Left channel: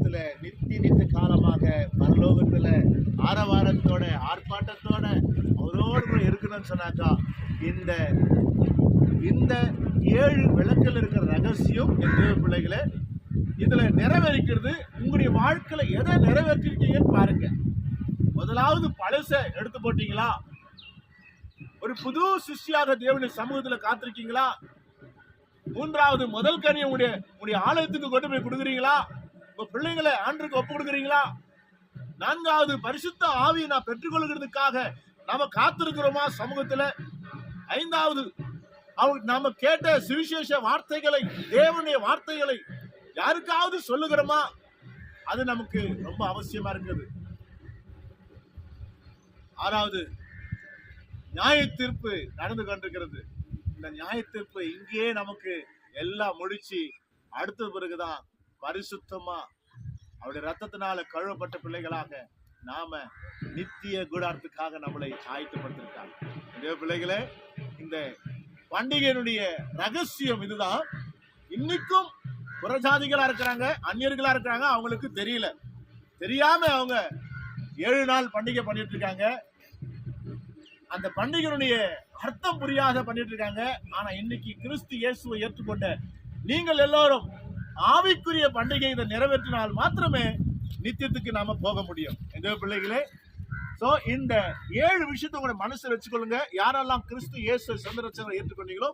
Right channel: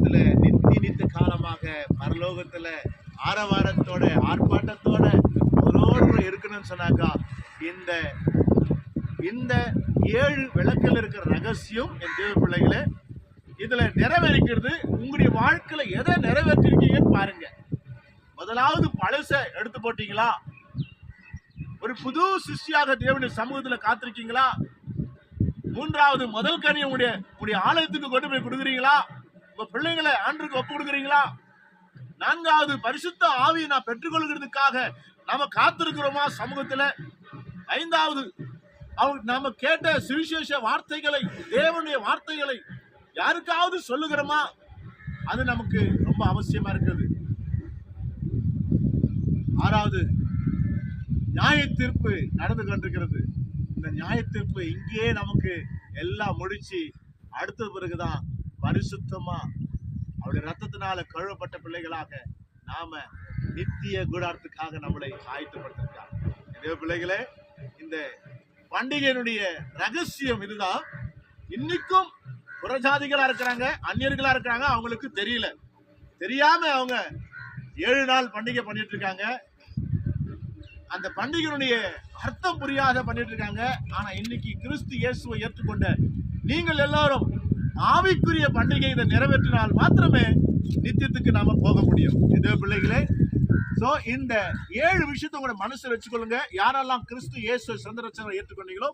சமூகத்துல நித்திய காலமாக பரலோகத்துல ஆரவாரத்தோட ஆர்ப்பாட்டத்தோட அவரோடு இருக்கணும்னு சொன்னாக்கா இந்த இந்த 7 விளக்கில் இருக்கிற ரகசியம் என் தேவ பிள்ளைகளே, இதுல நிறைவேறிக்கிறது. உங்களுடைய வாழ்க்கையில எதை நிறைவேற்றிருக்கீங்கன்னு பாருங்க. முதலாவது பழச எடுத்து போட்டீங்களா? ஒரு புது சிஷ்டியாக தேவனுடைய சமூகத்துல காத்திருக்கீங்களா? மூன்றாவது முதல் கனியை உங்களுடைய ஆலயத்துக்கு கொண்டு போய் கொடுக்குறீங்களா? உங்க பிள்ளைங்களை ஆண்டுக்கு ஒப்பு கொடுக்குறீங்களா? நான்காவது பரிசுத்த ஆவியை நான் பெற்றுக்கொள்கிறதுக்காக நாம காத்திருக்கிறோமா சமூகத்துல? ஐந்தாவது நாம கேட்ட சுவிசேஷ வார்த்தைகளை, தேவனுடைய வார்த்தைகளை யாருக்காவது சொல்லுகிறோமா? அது நமக்கு ரொம்ப அவசியமா இருக்குது. ஆறாவது நியாய தீர்ப்பு நடந்து கொண்டிருக்கிறது. இந்த நியாய தீர்ப்பு இங்கேயே நமக்கு எல்லாம் முடிச்சு அடுத்த பிறகுதான் பரிசுத்தமா அவருடைய ரத்தத்தினால கழுவப்பட்ட பிள்ளைகளாக நாம நித்திய கூடாரத்துக்காக நம்மளை ஆயத்தப்படுத்திருக்காங்க. இதே பிள்ளைகளே, இந்த பண்டிகையினுடைய ரகசியம் இதுதான். இன்னைக்கும் புறஜாதிகளா இருக்கிறாங்க, அந்நியர்களா இருக்கிறாங்க, அவங்களுக்கு தெரியல. தெரியாம அவங்க 7 நாள் பண்டிகை பண்ணிட்டு இருக்காங்க. அந்த பண்டிகையினுடைய அர்த்தம் புரியாத பண்ணிட்டு இருக்காங்க. ஆனா இன்னைக்கு கிறிஸ்து இயேசுவை ஏற்றுக்கொண்ட நீங்கள் எல்லாரும் ஆவிக்குரிய பண்டிகை இதை நிறைவேற்றினால் மாத்திரமே நித்தியத்துக்கு நாம போக முடியும். இதே பிள்ளைகளே, சோ இந்த 7 விஷயத்தை உங்க மனசுல வச்சுக்கொள்ளுங்க. யாரெல்லாம் கிறிஸ்து இயேசு சொந்த ரட்சகரை ஏற்றுக்கொண்டீங்களோ